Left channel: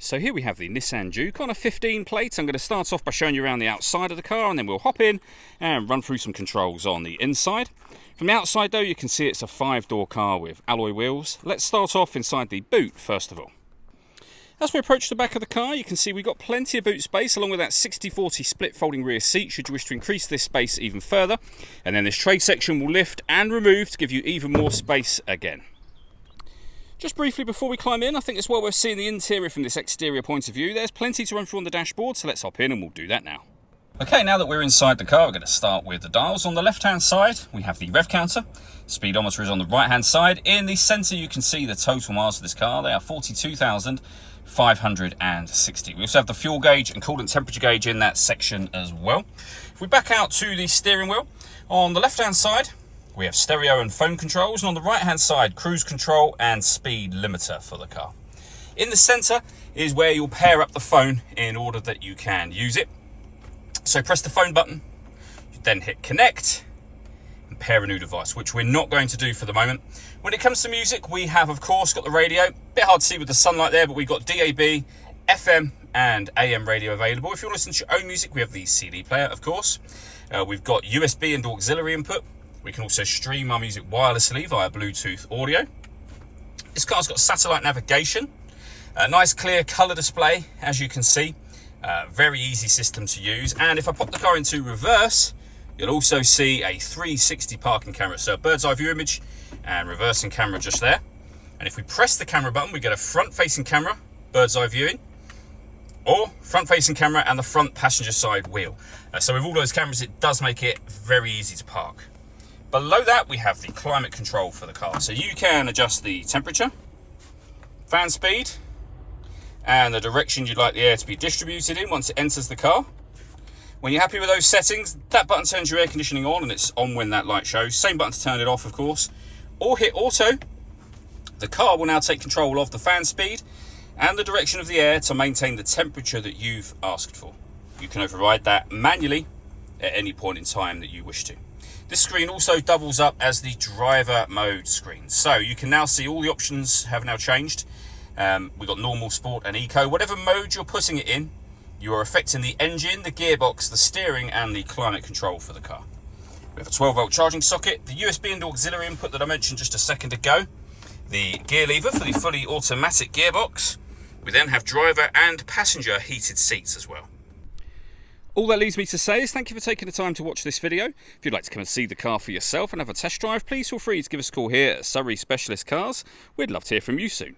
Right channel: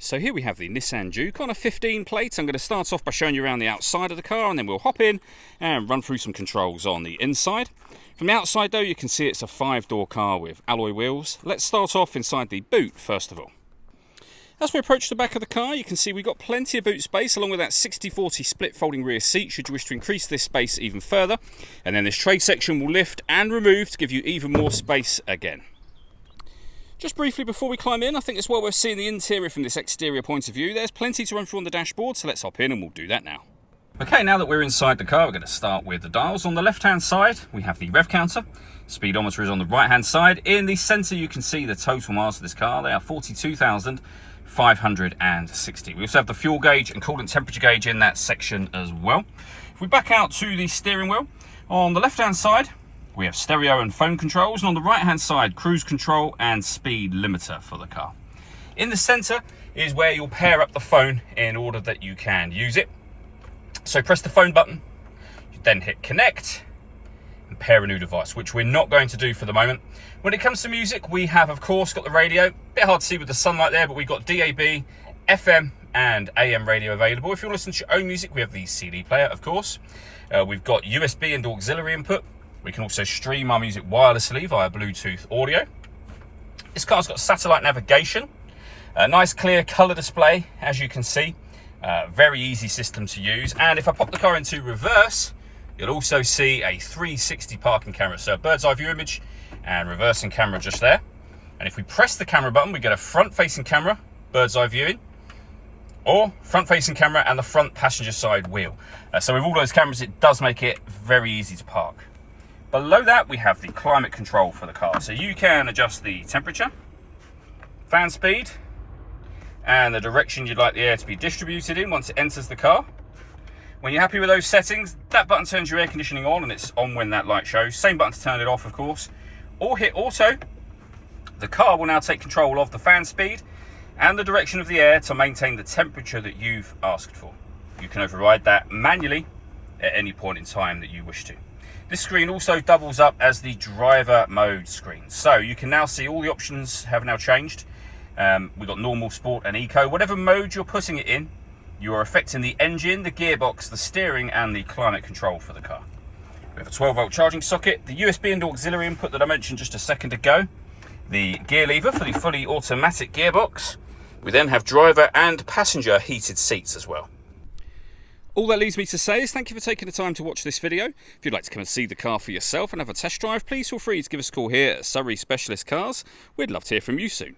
So here we have the Nissan Juke on a 15 plate. I'm going to start off by showing you around the outside of the car, and then we'll hop in and run through some controls on the inside. From the outside though, you can see it's a 5-door car with alloy wheels. Let's start off inside the boot first of all. As we approach the back of the car, you can see we've got plenty of boot space along with that 60/40 split folding rear seat should you wish to increase this space even further. And then this tray section will lift and remove to give you even more space again. Just briefly before we climb in, I think it's well worth seeing the interior from this exterior point of view. There's plenty to run through on the dashboard, so let's hop in and we'll do that now. Okay, now that we're inside the car, we're going to start with the dials. On the left-hand side, we have the rev counter. Speedometer is on the right-hand side. In the centre, you can see the total miles of this car. They are 42,560. We also have the fuel gauge and coolant temperature gauge in that section as well. If we back out to the steering wheel, on the left-hand side, we have stereo and phone controls, and on the right hand side, cruise control and speed limiter for the car. In the center is where you'll pair up the phone in order that you can use it. So press the phone button, you then hit connect and pair a new device, which we're not going to do for the moment. When it comes to music, we have of course got the radio. Bit hard to see with the sunlight there, but we've got DAB, FM and AM radio available. If you want to listen to your own music, we have the CD player, of course. We've got USB and auxiliary input. We can also stream our music wirelessly via Bluetooth audio. This car's got satellite navigation, a nice clear colour display, as you can see. Very easy system to use. And if I pop the car into reverse, you'll also see a 360 parking camera. So a bird's eye view image and reversing camera just there. And if we press the camera button, we get a front facing camera, bird's eye viewing, or front facing camera and the front passenger side wheel. So with all those cameras, it does make it very easy to park. Below that, we have the climate control for the car. So you can adjust the temperature, fan speed, and the direction you'd like the air to be distributed in once it enters the car. When you're happy with those settings, that button turns your air conditioning on, and it's on when that light shows. Same button to turn it off, of course. Or hit auto. The car will now take control of the fan speed and the direction of the air to maintain the temperature that you've asked for. You can override that manually at any point in time that you wish to. This screen also doubles up as the driver mode screen. So you can now see all the options have now changed. We've got normal, sport and eco. Whatever mode you're putting it in, you are affecting the engine, the gearbox, the steering and the climate control for the car. We have a 12-volt charging socket, the USB and auxiliary input that I mentioned just a second ago, the gear lever for the fully automatic gearbox. We then have driver and passenger heated seats as well. All that leaves me to say is thank you for taking the time to watch this video. If you'd like to come and see the car for yourself and have a test drive, please feel free to give us a call here at Surrey Specialist Cars. We'd love to hear from you soon.